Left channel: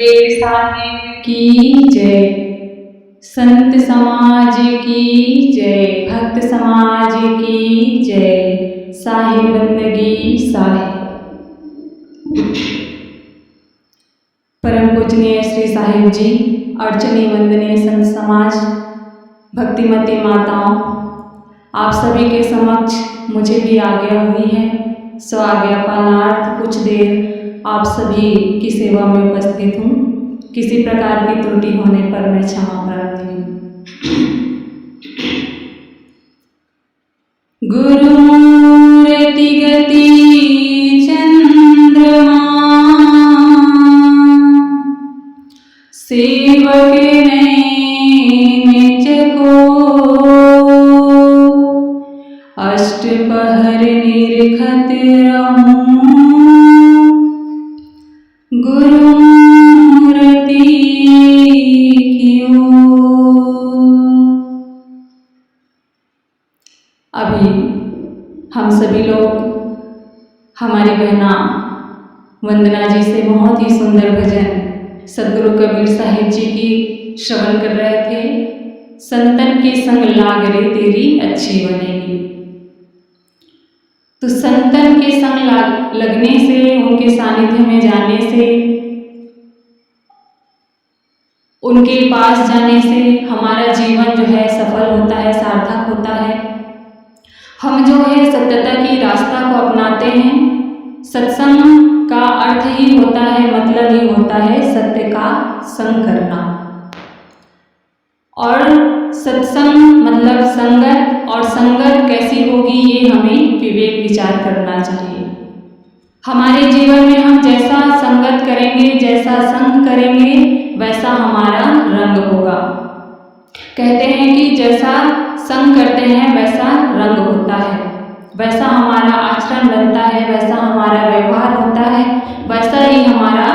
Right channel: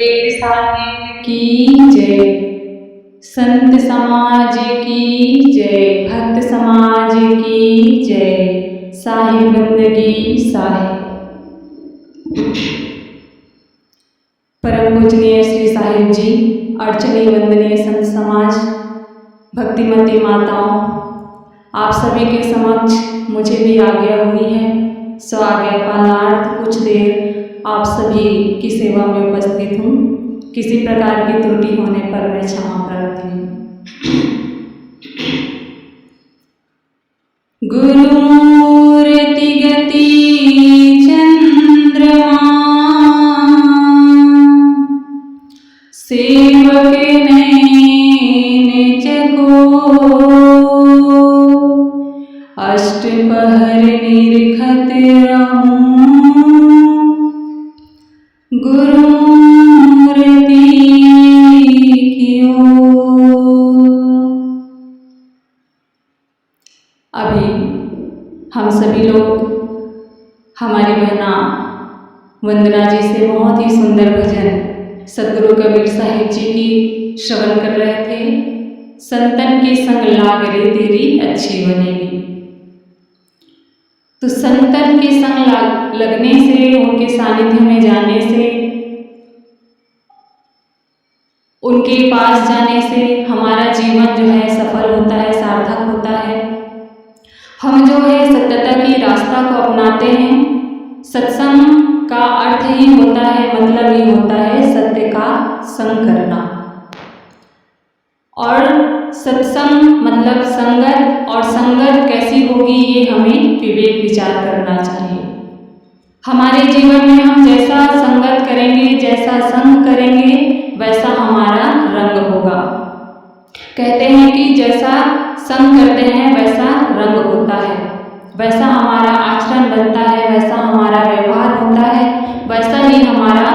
बेर साहिब की जय, संत समाज की जय, भक्त समाज की जय, साहिब बंदगी साहिब। परम पूजनीय श्री साहिब जी, अर्चनीय वंदनीय संत समाज, भक्तिमती माताओं, आप सभी के समक्ष मुझे भी आज्ञा हुई है। स्व आज्ञा पालनार्थ कुछ देर आप सभी की सेवा में उपस्थित हूँ। किसी प्रकार की त्रुटि होने पर मैं क्षमा प्रार्थी हूँ। गुरुमूर्ति गति चंद्रमा, सेवक नैन चको, अष्टपहर निरखत रहूं, गुरुमूर्ति की ओर। अभी हम सभी लोग हमारी बहना वंदना जी से बहुत ही सुंदर भजन सदगुरु कबीर साहिब जी की श्रवण कर रहे थे। संतन के संग लाग रे तेरी अच्छी बनेगी। तो संतन के संग लगने से, उनके सानिध्य में जाने से, उनके पास जाने से हमारा जीवन जो है सफल होता है, सार्थक होता है। हम जो है सत्यता की रास्ता को अपनाते हैं। सत्संग का अर्थ ही होता है, मतलब ही होता है सत्य का संग करना। और सत्संग मतलब संगत, और संगत कैसी होगी ये हमें विवेक विचार करना चाहिए। हमारे जीवन में हम जैसा संगत करेंगे, जैसा संग करेंगे, वैसा हमारा रंग होगा। कहते हैं कि जैसा संग करते हैं वैसा रंग होता है, वैसा हमारा आचरण बनता है, वैसा हमारा व्यवहार होता है, वैसा ही हमारा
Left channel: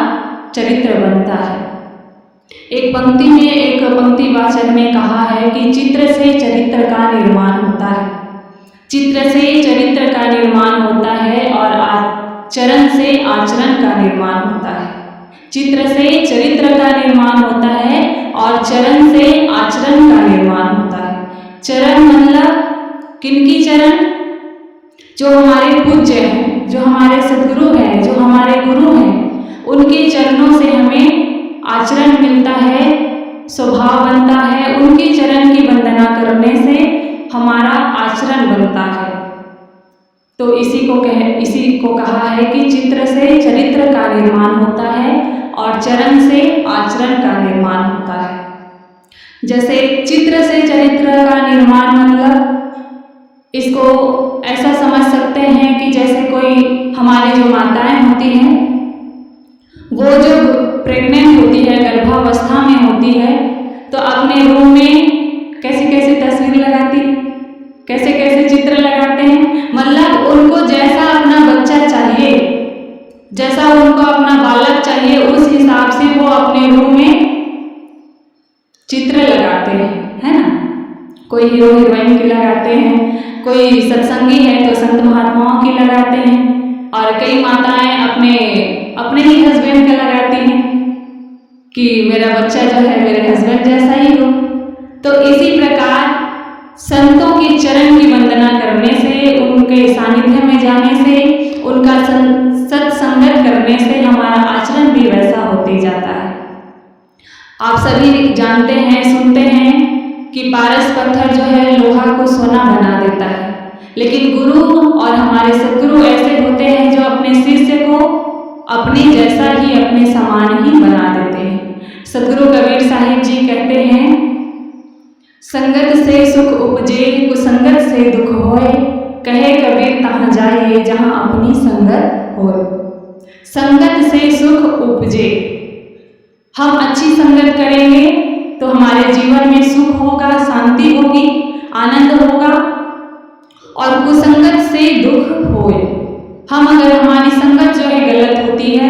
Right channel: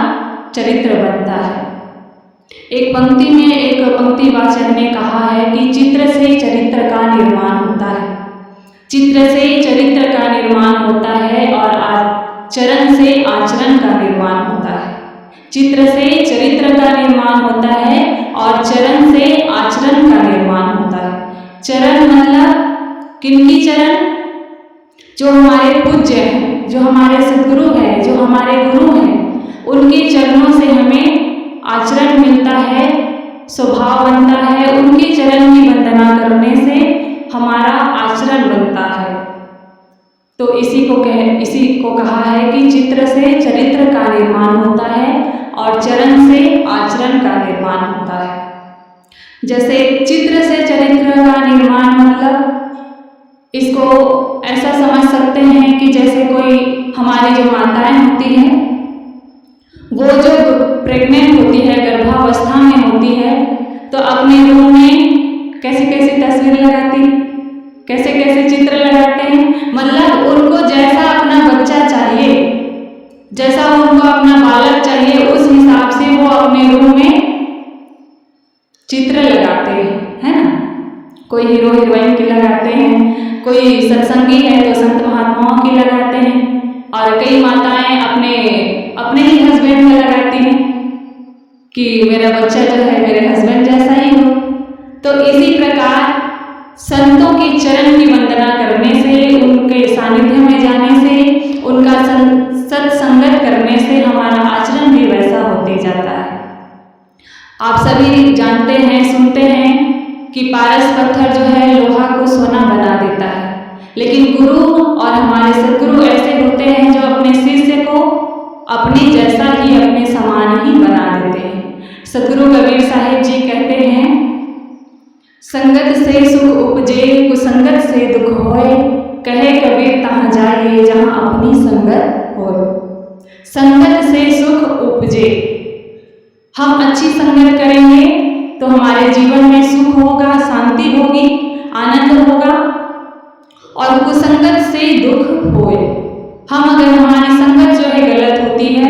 चरित्र बनता है। एक पंक्ति में एक पंक्तिवाचक ने कहा है कि चित्र से चरित्र का निर्माण होता है। चित्र से चरित्र का निर्माण होता है और चरण से आचरण का निर्माण होता है। चित्र से चरित्र का निर्माण होता है और चरण से आचरण का निर्माण होता है। चरण मतलब किनकी चरण? जो हमारे पूज्य हैं, जो हमारे सद्गुरु हैं, जो हमारे गुरु हैं, उनके चरणों से हमें आचरण मिलता है, स्वभाव बनता है। उनके चरण की वंदना करने से हमारा आचरण बनता है। तो इसी को कहा है कि चित्र से चरित्र का निर्माण होता है और चरण से आचरण का निर्माण होता है। जैसे चित्र से चरित्र का निर्माण मतलब इसको ऐसा समझ सकते हैं कि जैसे कोई हमारी जो माताएं होती हैं, वो जब प्रेग्नेंट होती है, गर्भावस्था में होती है, तो अपने रूम में कैसी कैसी तस्वीर लगाती है, कैसे कैसे चित्र लगाते हैं। मतलब उनको जैसा अपना बच्चा चाहिए, जैसा उनको अपना बालक चाहिए, उस हिसाब से वो अपने रूम में चित्र लगाते हैं, है ना। कोई हीरो हीरोइन की लगाते हैं, कोई सत्संगी है तो संत महात्माओं की लगाते हैं, और कई माताएं अपने ही हस्बैंड का लगाती हैं कि मेरा बच्चा जो है मेरे हस्बैंड जैसा ही हो। तो इसी प्रकार संतों के चरण की वंदना करने से, उनके सानिध्य में जाने से, उनका सत्संगत करने से हमारा आचरण भी वैसा होते जाता है। आप सभी जानते हैं, सुनते हैं कि पारस पत्थर जो है लोहा को सोना बना देता है, लेकिन गुरु और हमारे सद्गुरु ऐसे होते हैं जो अपने शिष्य को अपने जैसा ही, अपने समान ही बना देते हैं। सदगुरु कबीर साहिब जी कहते हैं, संगत से सुख उपजे, कुसंगत से दुख होए, कहे कबीर तहाँ जाइए जहाँ अपनी संगत होए। संगत से सुख उपजे, हम अच्छी संगत करेंगे तो हमारे जीवन में सुख होगा, शांति होगी, आनंद होगा। और कुसंगत से दुख होए, हम अगर हमारी संगत जो है गलत होती है,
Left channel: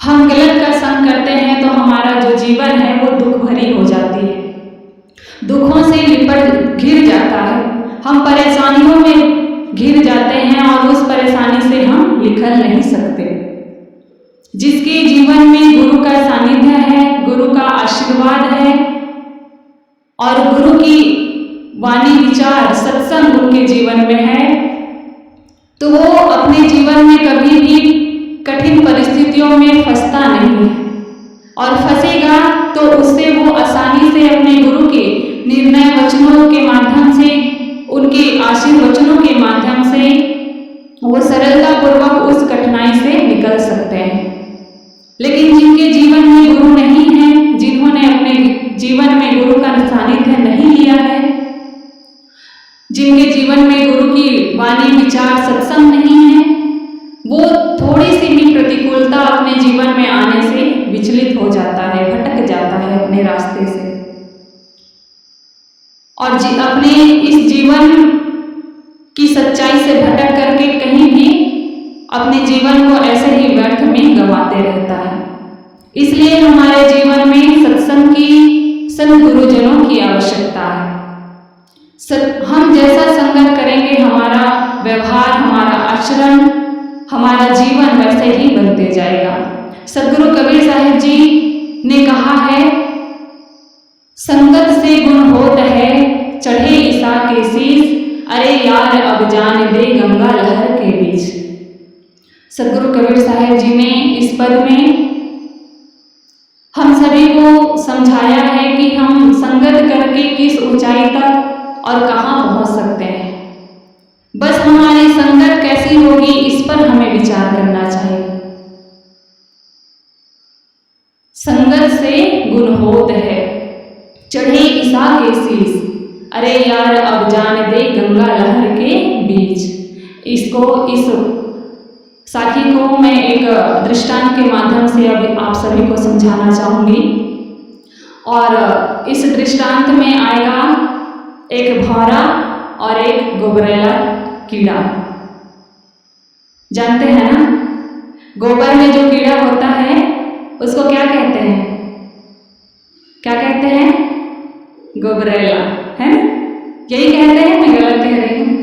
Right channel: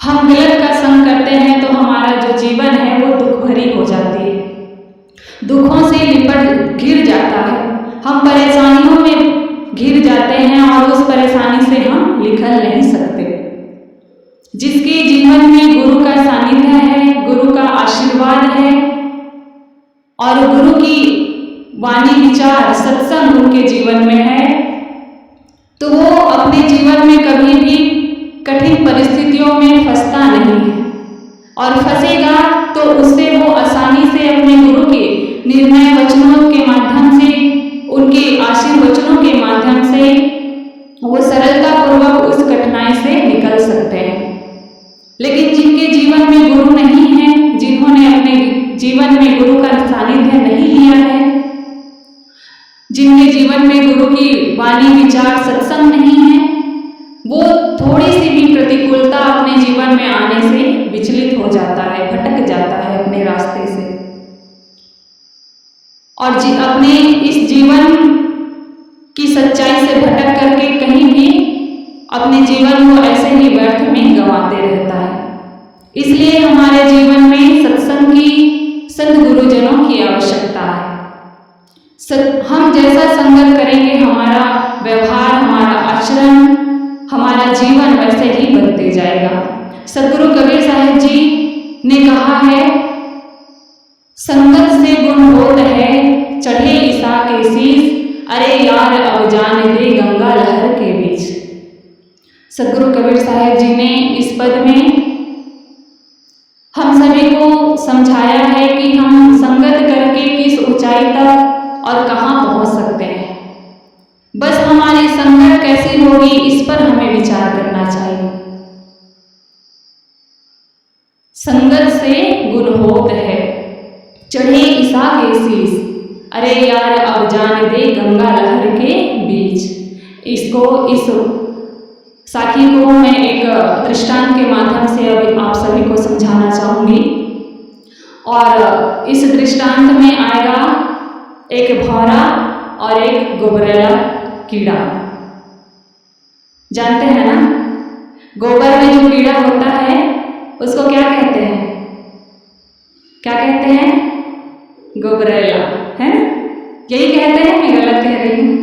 हम गलत का संग करते हैं, तो हमारा जो जीवन है वो दुख भरी हो जाती है, दुखों से लिपट घिर जाता है, हम परेशानियों में घिर जाते हैं और उस परेशानी से हम निकल नहीं सकते। जिसके जीवन में गुरु का सानिध्य है, गुरु का आशीर्वाद है और गुरु की वाणी विचार सत्संग उनके जीवन में है, तो वो अपने जीवन में कभी भी कठिन परिस्थितियों में फंसता नहीं है। और फंसेगा तो उससे वो आसानी से अपने गुरु के निर्णय वचनों के माध्यम से, उनके आशीर्वचनों के माध्यम से वो सरलतापूर्वक उस कठिनाई से निकल सकते हैं। लेकिन जिनके जीवन में गुरु नहीं है, जिन्होंने अपने जीवन में गुरु का सानिध्य नहीं लिया है, जिनके जीवन में गुरु की वाणी विचार सत्संग नहीं है, वो थोड़ी सी भी प्रतिकूलता अपने जीवन में आने से विचलित हो जाता है, भटक जाता है अपने रास्ते से और अपने इस जीवन की सच्चाई से भटक करके कहीं भी अपने जीवन को ऐसे ही व्यर्थ में गंवाते रहता है। इसलिए हमारे जीवन में सत्संग की, संत गुरुजनों की आवश्यकता है। हम जैसा संगत करेंगे, हमारा व्यवहार, हमारा आचरण, हमारा जीवन वैसे ही बनते जाएगा। सद्गुरु कबीर साहिब जी ने कहा है, संगत से गुण होत है, चढ़े ईसा के शीस, अरे यार अब जान दे गंगा लहर के बीच। सद्गुरु कबीर साहिब जी ने इस पद में हम सभी को समझाया है कि हम संगत करके किस ऊंचाई तक और कहाँ पहुँच सकते हैं। बस हमारी संगत कैसी होगी इस पर हमें विचार करना चाहिए। संगत से गुण होत है, चढ़े ईसा के शीस, अरे यार अब जान दे गंगा लहर के बीच। इस साखी को मैं एक दृष्टांत के माध्यम से अब आप सभी को समझाना चाहूँगी। और इस दृष्टांत में आएगा एक भौरा और एक गोबरेला कीड़ा। जानते हैं ना, गोबर में जो कीड़ा होता है उसको क्या कहते हैं? क्या कहते हैं? गोबरेला, है ना? यही कहते हैं, मैं गलत कह रही हूँ?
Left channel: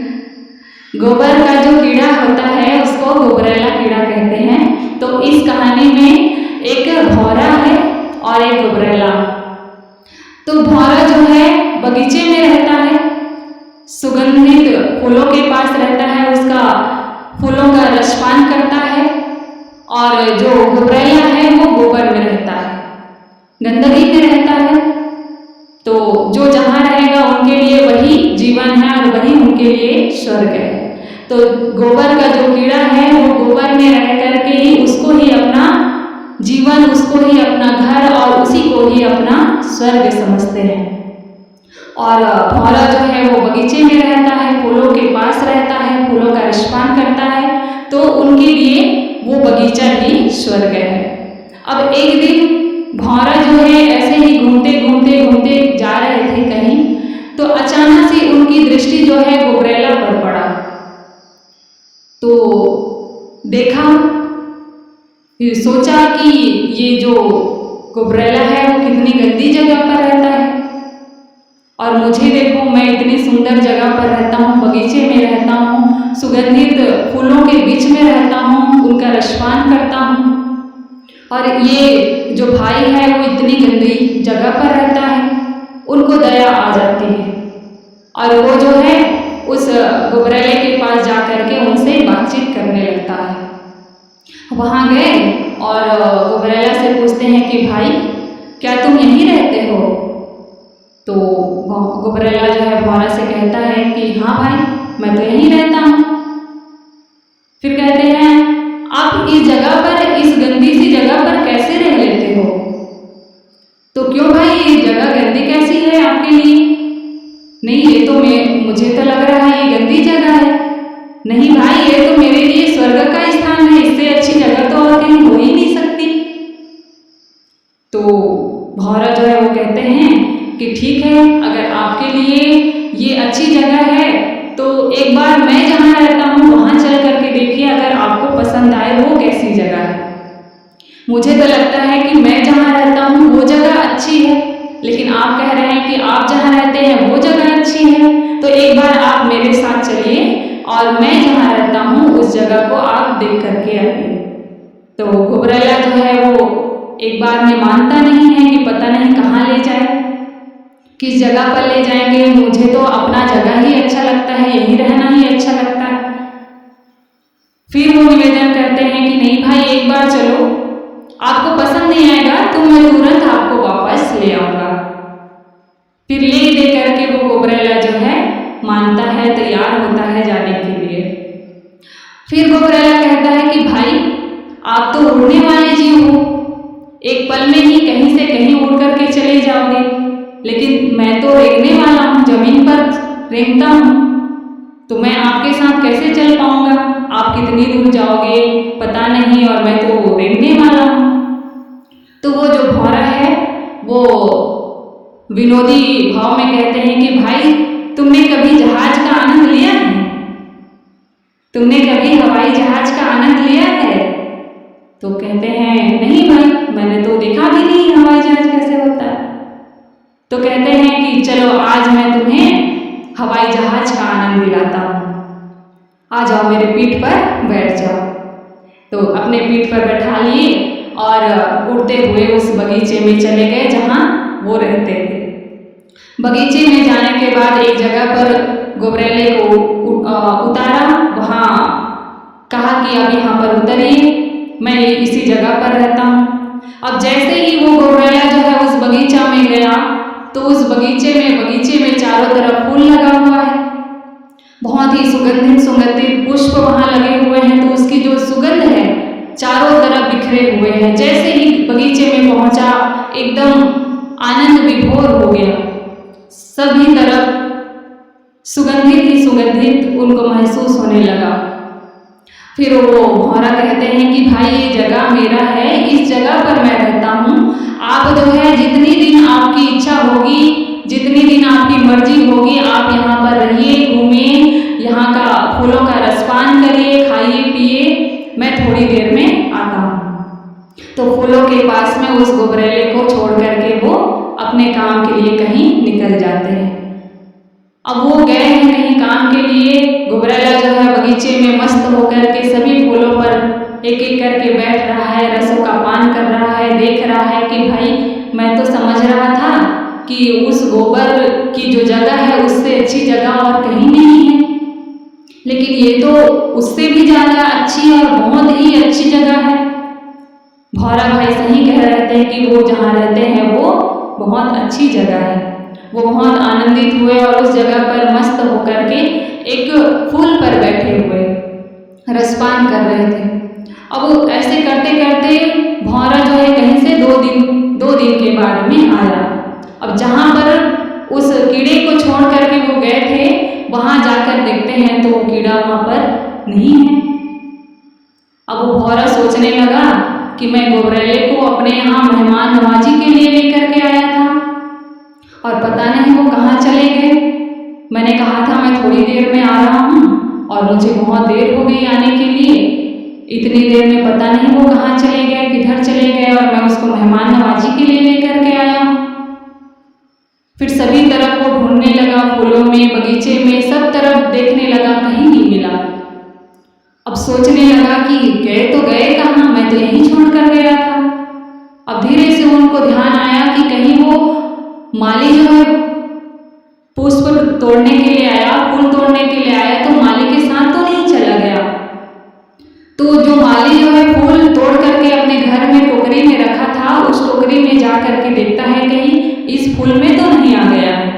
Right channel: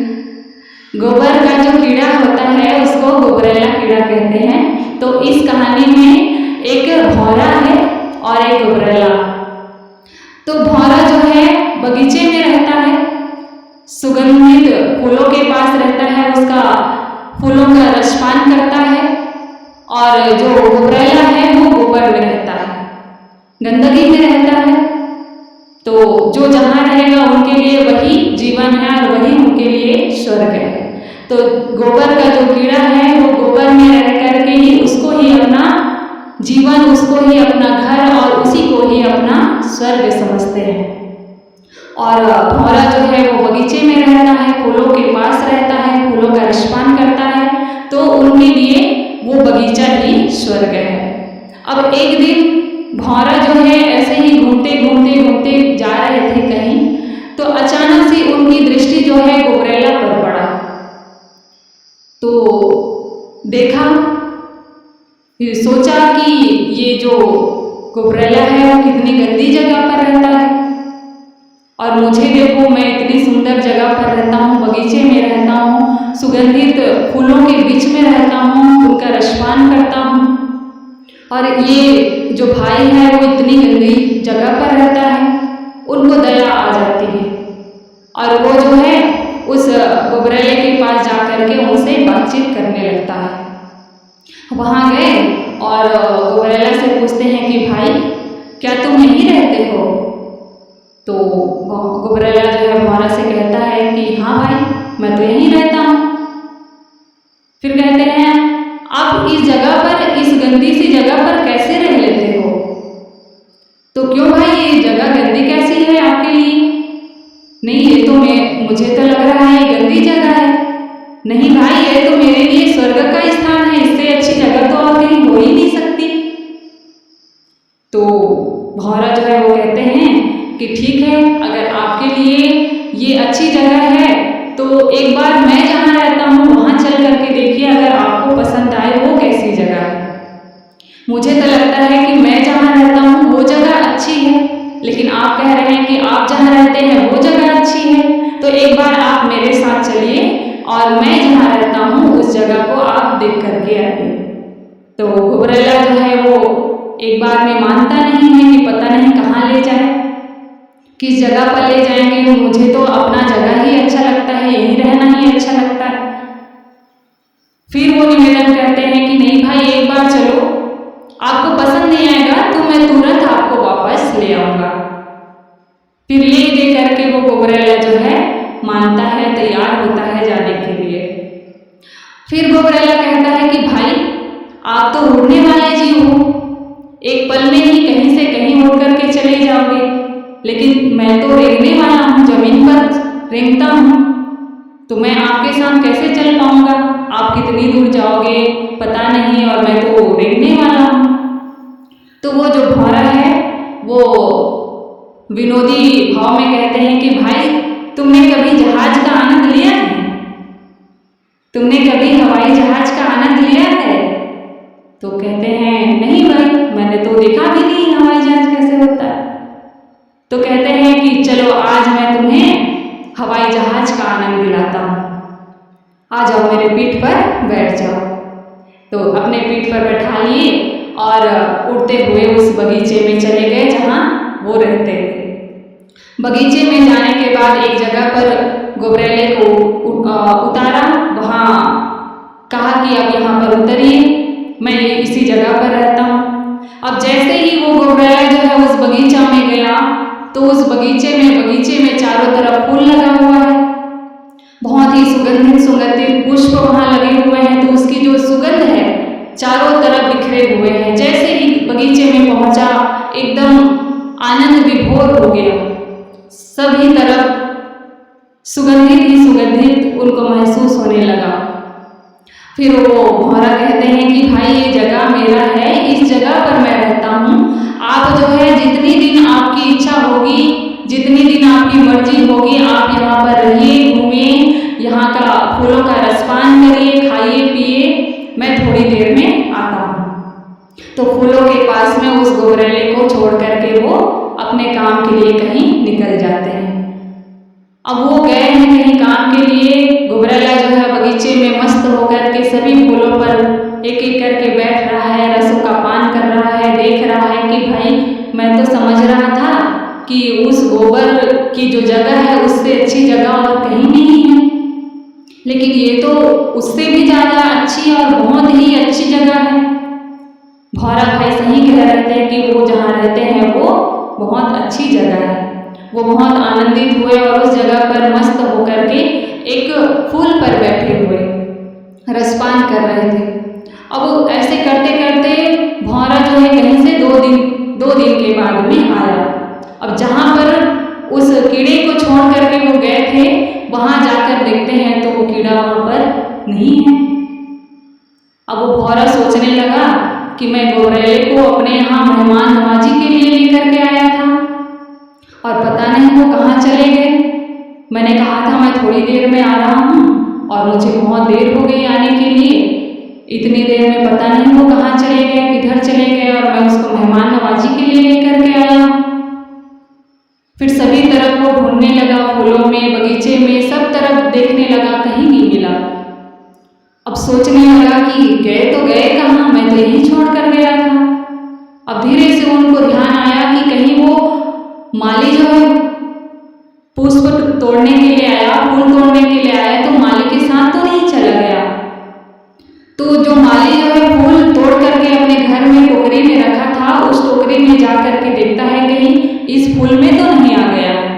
गोबर का जो कीड़ा होता है उसको गोबरेला कीड़ा कहते हैं। तो इस कहानी में एक भौरा है और एक गोबरेला। तो भौरा जो है बगीचे में रहता है, सुगंधित फूलों के पास रहता है, उसका फूलों का रसपान करता है। और जो गोबरेला है वो गोबर में रहता है, गंदगी में रहता है। तो जो जहाँ रहेगा उनके लिए वही जीवन है और वही उनके लिए स्वर्ग है। तो गोबर का जो कीड़ा है वो गोबर में रह करके ही उसको ही अपना जीवन, उसको ही अपना घर और उसी को ही अपना स्वर्ग समझते हैं। और भौरा जो है वो बगीचे में रहता है, फूलों के पास रहता है, फूलों का रसपान करता है। तो उनके लिए वो बगीचा ही स्वर्ग है। अब एक दिन भौरा जो है ऐसे ही घूमते घूमते घूमते जा रहे थे कहीं, तो अचानक से उनकी दृष्टि जो है गोबरेला पर पड़ा। तो देखा, फिर सोचा कि ये जो गोबरेला है वो कितनी गंदी जगह पर रहता है और मुझे देखो, मैं इतनी सुंदर जगह पर रहता हूँ, बगीचे में रहता हूँ, सुगंधित फूलों के बीच में रहता हूँ, उनका रसपान करता हूँ, और ये जो भाई है वो इतनी गंदी जगह पर रहता है। उनको दया आ जाती है और वो जो है उस गोबरेले के पास जा कर के उनसे बातचीत करने लगता है। वहाँ गए और गोबरेला से पूछते हैं कि भाई क्या तुम यहीं रहते हो? तो गोबरेला जो है भौरा से कहता है कि हाँ भाई, मैं तो यहीं रहता हूँ। फिर कहते हैं आप इस जगह पर, इस गंदी सी जगह पर कैसे रह लेते हो? तो क्यों भाई, ये जगह गंदी कैसी है आपके लिए? नहीं, ये तो मुझे तो लग रहा है ये गंदी जगह है। नहीं भाई, ये तो मेरे लिए स्वर्ग का स्थान है, इससे अच्छी जगह तो और कहीं हो ही नहीं सकती। तो भौरा जो है वो कहते हैं कि ठीक है, अगर आपके लिए ये अच्छी जगह है तो एक बार मैं जहाँ रहता हूँ वहाँ चल करके देखिए, अगर आपको पसंद आए वो कैसी जगह है। मुझे तो लगता है कि मैं जहाँ रहता हूँ वो जगह अच्छी है, लेकिन आप कह रहे हैं कि आप जहाँ रहते हैं वो जगह अच्छी है। तो एक बार आप मेरे साथ चलिए और मैं जहाँ रहता हूँ उस जगह को आप देख करके आइए। तो घुबरैला जो है वो एक बार में मानता नहीं है कि पता नहीं कहाँ ले जाए, किस जगह पर ले जाएंगे। मुझे तो अपना जगह ही अच्छा लगता है, यहीं रहना ही अच्छा लगता है। फिर वो निवेदन करते हैं कि नहीं भाई, एक बार चलो, आपको पसंद नहीं आएगा तो मैं तुरंत आपको वापस ले आऊँगा। फिर ले दे करके वो घुबरैला जो है मानता है, तैयार होता है जाने के लिए। फिर घुबरैला कहता है कि भाई, आप तो उड़ने वाले जीव हो, एक पल में ही कहीं से कहीं उड़ करके चले जाओगे, लेकिन मैं तो रेंगने वाला हूँ, जमीन पर रेंगता हूँ, तो मैं आपके साथ कैसे चल पाऊँगा? आप कितनी दूर जाओगे पता नहीं, और मैं तो रेंगने वाला हूँ। तो वो जो भौरा है वो विनोदी भाव में कहते हैं कि भाई, तुमने कभी जहाज का आनंद लिया है? तुमने कभी हवाई जहाज का आनंद लिया है? तो कहते हैं नहीं भाई, मैंने तो देखा भी नहीं हवाई जहाज कैसे होता है। तो कहते हैं कि चलो आज मैं तुम्हें हवाई जहाज का आनंद दिलाता हूँ, आ जाओ मेरे पीठ पर बैठ जाओ। तो अपने पीठ पर बैठा लिए और उड़ते हुए उस बगीचे में चले गए जहाँ वो रहते थे। बगीचे में जाने के बाद एक जगह पर घुबरैले को उतारा, वहाँ कहा कि अब यहाँ पर उतरिए, मैं इसी जगह पर रहता हूँ। अब जैसे ही वो घुबरैला जो है उस बगीचा में गया तो उस बगीचे में चारों तरफ फूल लगा हुआ है, बहुत ही सुगंधित पुष्प वहाँ लगे हुए हैं। तो उसकी जो सुगंध है चारों तरफ बिखरे हुए हैं। जैसे ही बगीचे में पहुँचा एकदम आनंद विभोर हो गया, सभी तरफ सुगंधित उनको महसूस होने लगा। फिर वो भौरा कहते हैं कि भाई, ये जगह मेरा है, इस जगह पर मैं रहता हूँ। आप जो है जितनी दिन आपकी इच्छा होगी, जितनी दिन आपकी मर्जी होगी, आप यहाँ पर रहिए, घूमिए, यहाँ का फूलों का रसपान करिए, खाइए पिए, मैं थोड़ी देर में आता हूँ। तो फूलों के पास में उस घुबरैले को छोड़ करके वो अपने काम के लिए कहीं निकल जाते हैं। अब वो गए हैं कहीं काम के लिए, घुबरैला जो है बगीचे में मस्त होकर के सभी फूलों पर एक एक करके बैठ रहा है, रसों का पान कर रहा है, देख रहा है कि भाई, मैं तो समझ रहा था कि उस गोबर की जो जगह है उससे अच्छी जगह और कहीं नहीं है, लेकिन ये तो उससे भी ज़्यादा अच्छी और बहुत ही अच्छी जगह है। भौरा भाई सही कह रहे थे कि वो जहाँ रहते हैं वो बहुत अच्छी जगह है। वो बहुत आनंदित हुए और उस जगह पर मस्त होकर के एक फूल पर बैठे हुए रसपान कर रहे थे। अब ऐसे करते करते भौरा जो है कहीं से दो दिन के बाद में आया। अब जहाँ पर उस कीड़े को छोड़ करके वो गए थे, वहाँ जाकर देखते हैं तो वो कीड़ा वहाँ पर नहीं है। अब वो भौरा सोचने लगा कि मैं घुबरैले को अपने यहाँ मेहमान नवाजी के लिए लेकर के आया था और पता नहीं वो कहाँ चले गए। मैंने कहा था मैं थोड़ी देर में आ रहा हूँ और मुझे बहुत देर हो गई आने के लिए, इतनी देर में पता नहीं वो कहाँ चले गए, किधर चले गए, और मैं उसको मेहमान नवाजी के लिए लेकर के आया हूँ। फिर सभी तरफ वो ढूंढने लगा, फूलों में, बगीचे में, सब तरफ देखने लगा, कहीं नहीं मिला। अब सोचने लगा कि गए तो गए कहाँ, मैं तो यहीं छोड़ कर गया था। अब धीरे से उनको ध्यान आया कि कहीं वो माली जो है पुष्प तोड़ने के लिए आया, फूल तोड़ने के लिए आया, तो माली के साथ तो नहीं चला गया। तो जो माली जो है फूल तोड़ करके अपने घर में टोकरी में रखा था, उस टोकरी में जा करके देखता है कहीं इस फूल में तो नहीं आ गया है।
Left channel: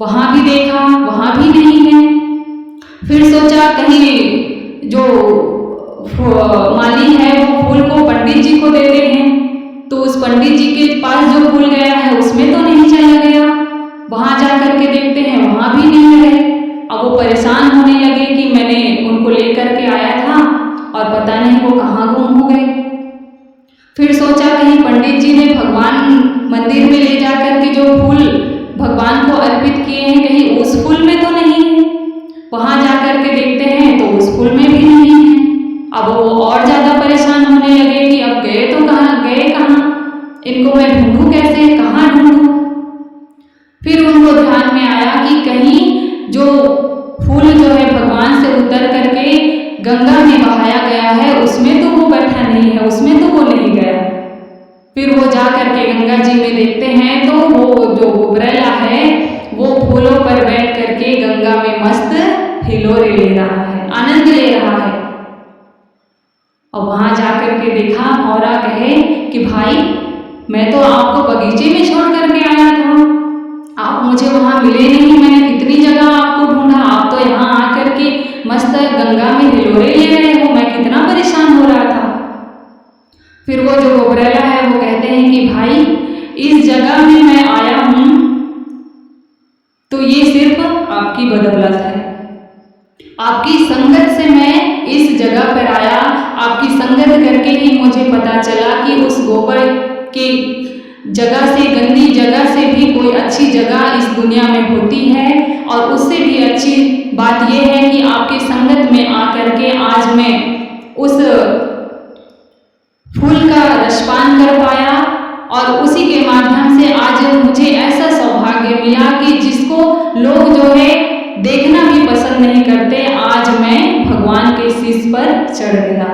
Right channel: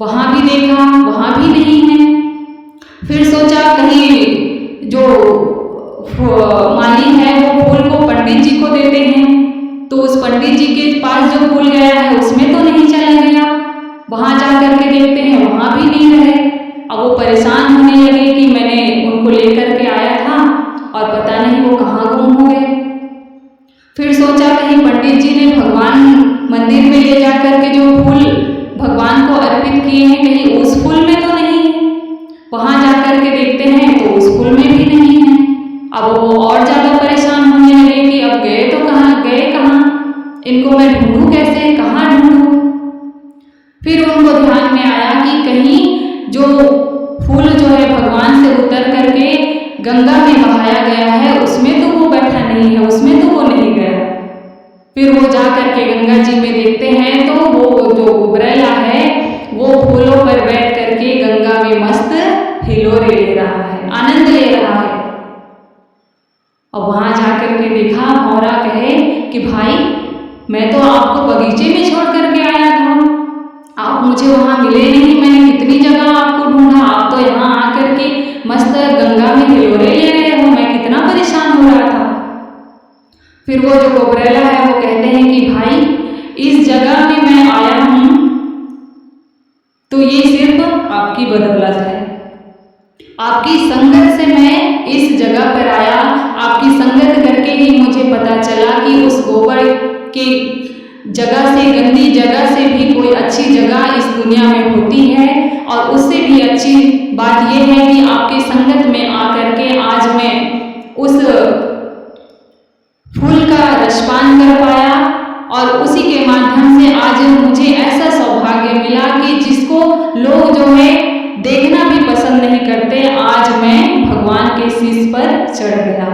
वहाँ भी देखा, वहाँ भी नहीं है। फिर सोचा कहीं जो माली है वो फूल को पंडित जी को देते हैं, तो उस पंडित जी के पास जो फूल गया है उसमें तो नहीं चला गया। वहाँ जा कर के देखते हैं, वहाँ भी नहीं रहे। अब वो परेशान होने लगे कि मैंने उनको लेकर के आया था और पता नहीं वो कहाँ गुम हो गए। फिर सोचा कहीं पंडित जी ने भगवान मंदिर में ले जा कर के जो फूल भगवान को अर्पित किए हैं, कहीं उस फूल में तो नहीं है। वहाँ जा कर के देखते हैं तो उस फूल में भी नहीं है। अब वो और ज़्यादा परेशान होने लगे कि अब गए तो कहाँ, गए कहाँ, इनको मैं ढूंढूं कैसे, कहाँ ढूंढूं। फिर उनको ध्यान में आया कि कहीं जो फूल जो है भगवान से उतर करके गंगा में बहाया गया है उसमें तो वो बैठा नहीं है, उसमें तो वो नहीं गया। फिर वो जा कर के गंगा जी में देखते हैं तो वो जो गुबरैला है वो फूलों पर बैठ करके गंगा में मस्त हिलोरे ले रहा है, आनंद ले रहा है। और वहाँ जा कर के देखा, भौरा कहे कि भाई मैं तो आपको बगीचे में छोड़ करके आया था, आप मुझे वहाँ मिले नहीं, मैंने कितनी जगह आपको ढूंढा, आप तो यहाँ आकर के मस्त गंगा में हिलोरे ले रहे हो, मैं कितना परेशान हो रहा था। फिर वो जो गुबरैला है वो कहते हैं कि भाई इस जगह में मैं आया हूँ तो ये सिर्फ आपकी बदौलत है, आपकी संगत से मैं इस जगह पर आया, आपकी संगत करके ही मुझे पता चला कि उस गोबर के जगह से, गंदी जगह से भी कोई अच्छी जगह इस दुनिया में होती है। और उससे भी अच्छी बात यह है कि आपके संगत में आकर के आज मैं उस फूल का रसपान कर पाया और उसी के माध्यम से आज मुझे ऐसा सौभाग्य मिला कि जिसको लोग जो है देखना भी पसंद नहीं करते, आज मैं भगवान के शीश पर चढ़ गया।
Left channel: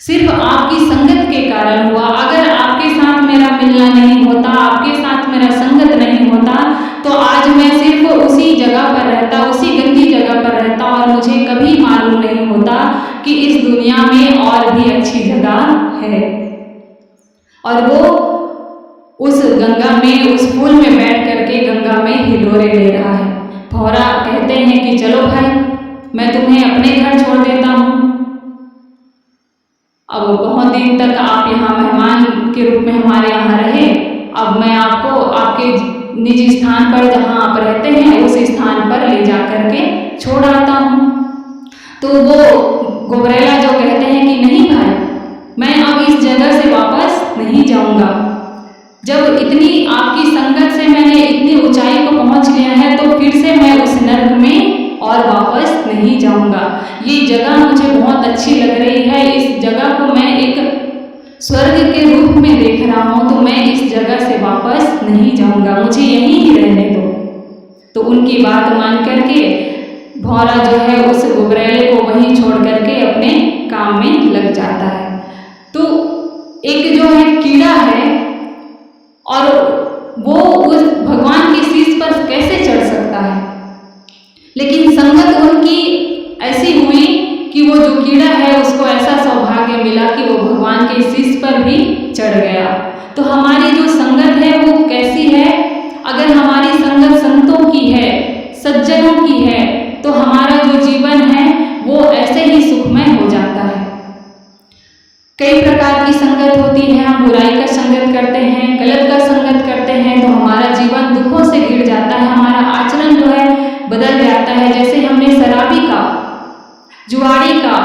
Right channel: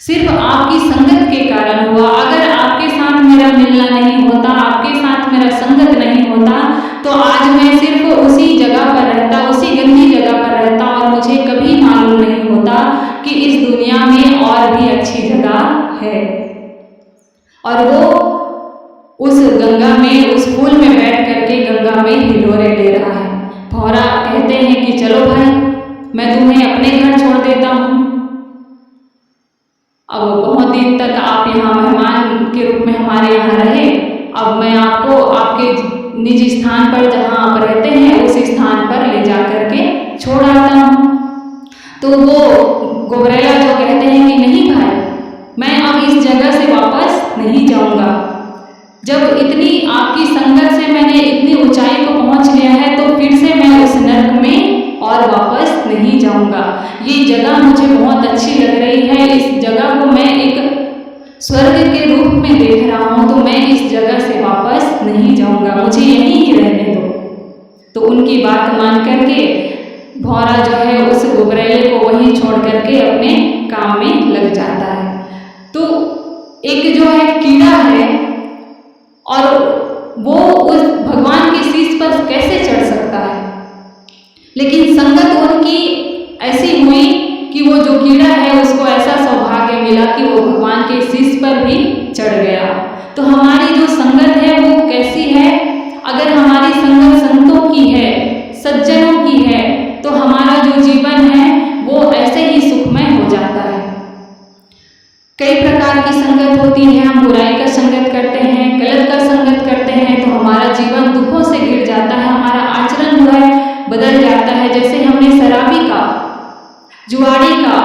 सिर्फ आपकी संगत के कारण हुआ। अगर आपके साथ मेरा मिलना नहीं होता, आपके साथ मेरा संगत नहीं होता तो आज मैं सिर्फ उसी जगह पर रहता, उसी गंदी जगह पर रहता और मुझे कभी मालूम नहीं होता कि इस दुनिया में और भी अच्छी जगह है। और वो उस गंगा में, उस फूल में बैठ करके गंगा में हिलोरे ले रहा है। भौरा कहते हैं कि चलो भाई मैं तुम्हें अपने घर छोड़ देता हूँ, अब बहुत दिन तक आप यहाँ मेहमान के रूप में हमारे यहाँ रहे, अब मैं आपको आपके निजी स्थान पर जहाँ आप रहते हैं उस स्थान पर ले जा कर के छोड़ आता हूँ। तो वो गुबरैला जो कहते हैं कि नहीं भाई मैं अब इस जगह से वापस नहीं जाऊँगा, जब इतनी आपकी संगत से मैंने इतनी ऊंचाई को पहुँच लिया है तो फिर से मैं उस नर्क में और वापस नहीं जाऊंगा। ये जगह मुझे बहुत अच्छी लग रही है, इस जगह को मैं एक स्वर्ग के रूप में देख रहा हूँ, तो मैं इस जगह से वापस नहीं जाऊंगा, मुझे यहीं ही रहने दो। तो उनकी बात मान करके भौरा जो है उस गुबरैले को वहीं छोड़ करके अपने काम में लग जाता है। तो एक जो है कीड़ा है और वो उस भगवान के शीश पर कैसे चढ़ सकता है, लेकिन संगत उनकी ऐसी हुई कि वो जो कीड़ा है उसको ऐसा सौभाग्य मिला कि वो भगवान के शीश पर भी चढ़ गया। तो हमारी जो संगत है वो कैसी है, अगर हमारी संगत संतों की है, सज्जनों की है, तो हमारा जो जीवन है वो ऐसे ही सुखमय हो जाता है। कई प्रकार की संगत होती है, हम बुराई का संगत करते हैं, गलत का संगत करते हैं तो हमारा जीवन दुखों से घिर जाता है, हमारा आचरण जो है बदल जाता है। जैसे हमने शराबी का, जुआड़ी का,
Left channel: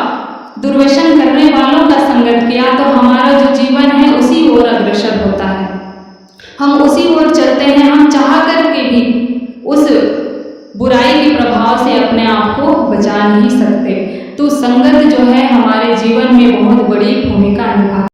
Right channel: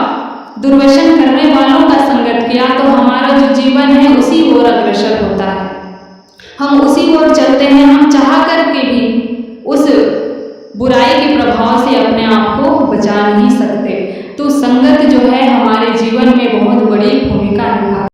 दुर्व्यसन करने वालों का संगत किया तो हमारा जो जीवन है उसी ओर अग्रसर होता है, हम उसी ओर चलते हैं, हम चाह करके भी उस बुराई के प्रभाव से अपने आप को बचा नहीं सकते। तो संगत जो है हमारे जीवन में बहुत बड़ी भूमिका निभाती है।